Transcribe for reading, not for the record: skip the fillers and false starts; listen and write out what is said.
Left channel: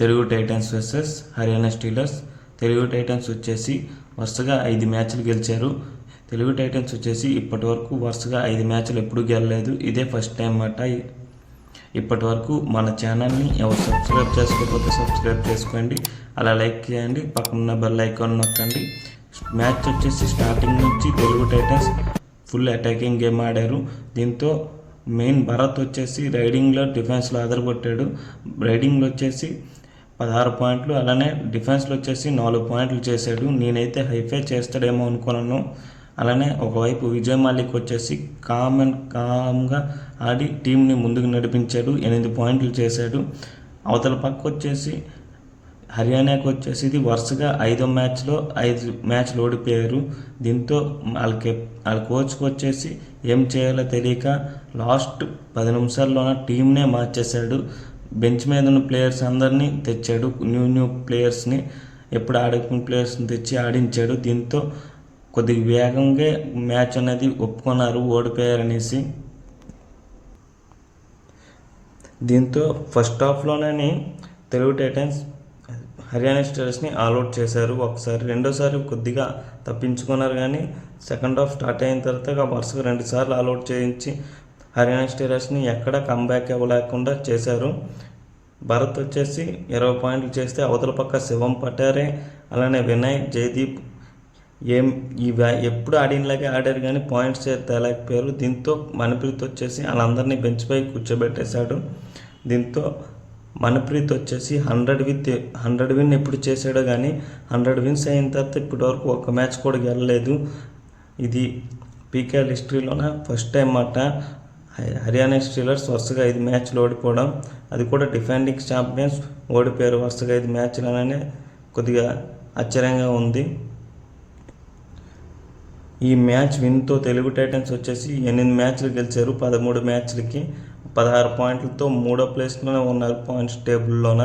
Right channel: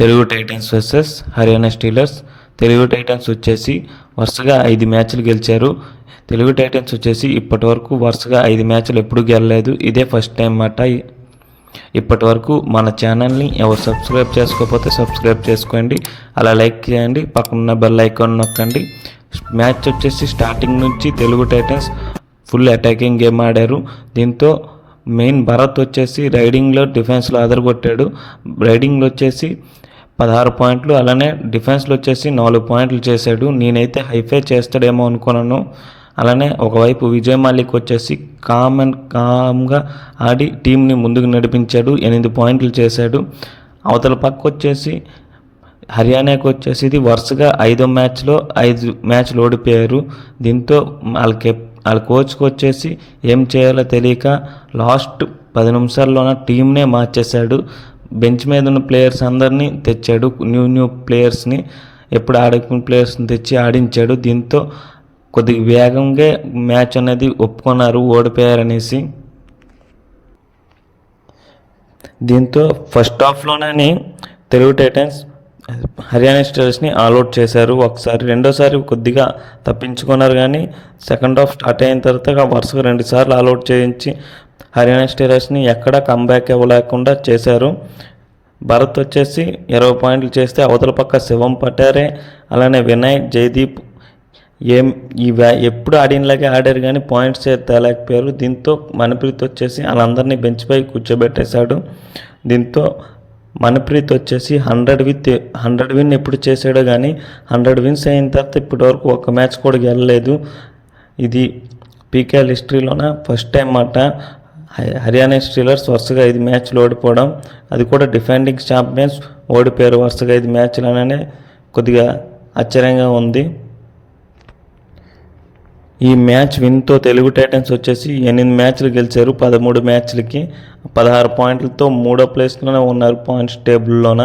Telugu Titans versus Haryana Steelers. Telugu Titans వచ్చేసి వరుసగా 5 మ్యాచ్లు గెలిచారు. తెలుగు టైటన్స్ వచ్చేసి ఇప్పటి వరకు వరుసగా 5 మ్యాచ్లు ఎప్పుడు గెలలేదు. ఇదే ఫస్ట్ టైం మాట. ఇప్పటి వరకు మన ఛానల్ని ఎవరు సబ్స్క్రైబ్ చేసుకోకపోతే సబ్స్క్రైబ్ చేసుకోండి, అలా లైక్ చేయండి, పక్కన బెల్ ఐకాన్ నొక్కండి. మ్యాచ్ వచ్చేసి స్టార్టింగ్ నుంచి Telugu Titans full attacking game ఆడారు. దీంతో మెయిన్ భరత్ వచ్చేసి రైడింగ్లో డిఫెన్స్లో అదరగొట్టాడు. రైడింగ్లో వచ్చేసి 16 పాయింట్లు, అలానే డిఫెన్స్లో వచ్చేసి 4 పాయింట్లు చేశాడు. నేనైతే హైఫై చేస్తాడేమో అనుకున్నాను. అలానే ఒకవైపు విజయ్ మాలిక్ వచ్చేసి కామ్గా ఆడి టీంని ముందుకు నడిపించాడు, 8 పాయింట్లు చేశాడు. అవతల పక్క వచ్చేసి హర్యానాకి వచ్చేసి ఇది వరుసగా 5వ మ్యాచ్లో 5 మ్యాచ్లు ఓడిపోయారు. దీంతో వాళ్ళ కోచ్కి వచ్చేసి ఏం చేయాలో తెలియక లాస్ట్ 10 నిమిషాల్లోన టీంనే మార్చేశాడు. బెంచ్ మీద ఉన్న ప్లేయర్స్ అందరినీ తెచ్చాడు, న్యూ ప్లేయర్స్ని, ఎప్పుడు ఆడుకున్న ప్లేయర్స్ని తెచ్చి ఆడించాడు. దీంతో కొద్దిగా వేగంగా మ్యాచ్ అనేది ఒప్పుకున్నారు ఓడిపోయారనేసి. దీంతో ఫస్ట్ హాఫ్లోనే తెలుగు టైటన్స్ హర్యానా స్టీలర్స్ని ఆల్అవుట్ చేశారు ఒకసారి. రెండోసారి కొద్దిగా తప్పించుకున్నారు, కానీ సెకండ్ హాఫ్ స్టార్ట్ అయిన తర్వాత వరుసగా 2 సార్లు ఆల్అవుట్ చేయించి హర్యానా స్టీలర్స్ని ఎక్కడా కంబ్యాక్ ఇవ్వలేకుండా చేశారు. భరత్ వచ్చేసి 20 పాయింట్లు చేస్తే అవతల పక్క శివం పటారే, అలానే వినయ్, జయదీప్ ఎప్పుడు ఆడినలాగే ఆడారు, కానీ పాయింట్స్ తేలేకపోయారు. దీంతో మణిప్రీత్ వచ్చేసి వాళ్ళందరినీ బెంచ్ పై కూర్చోబెట్టేశాడు. దీంతో మణిప్రీత్ వచ్చేసి 100 విన్ ఎప్పుడు చేశాడో, కానీ 100 విన్స్ అయిన తర్వాత ఇప్పటివరకు ఒక్క మ్యాచ్ కూడా గెలలేదు. ఇది పీకేఎల్ హిస్టరీలోన ఫస్ట్ టైం మాట. హర్యానా స్టీలర్స్ వరుసగా 5 మ్యాచ్లు ఓడిపోవడం, అది కూడా డిఫెండింగ్ ఛాంపియన్స్ ఓడిపోయారు వరుసగా 5 మ్యాచ్లు అననే కొద్దిగా ఆశ్చర్యంగా ఉంది. ఈ మ్యాచ్ విన్తో తెలుగు టైటన్స్ వచ్చేసి 8 మ్యాచ్లు గెలిచారు. 13 మ్యాచ్లకి 16 పాయింట్లతో 3వ ప్లేస్లోనే ఉన్నారు పాయింట్స్ టేబుల్లోన.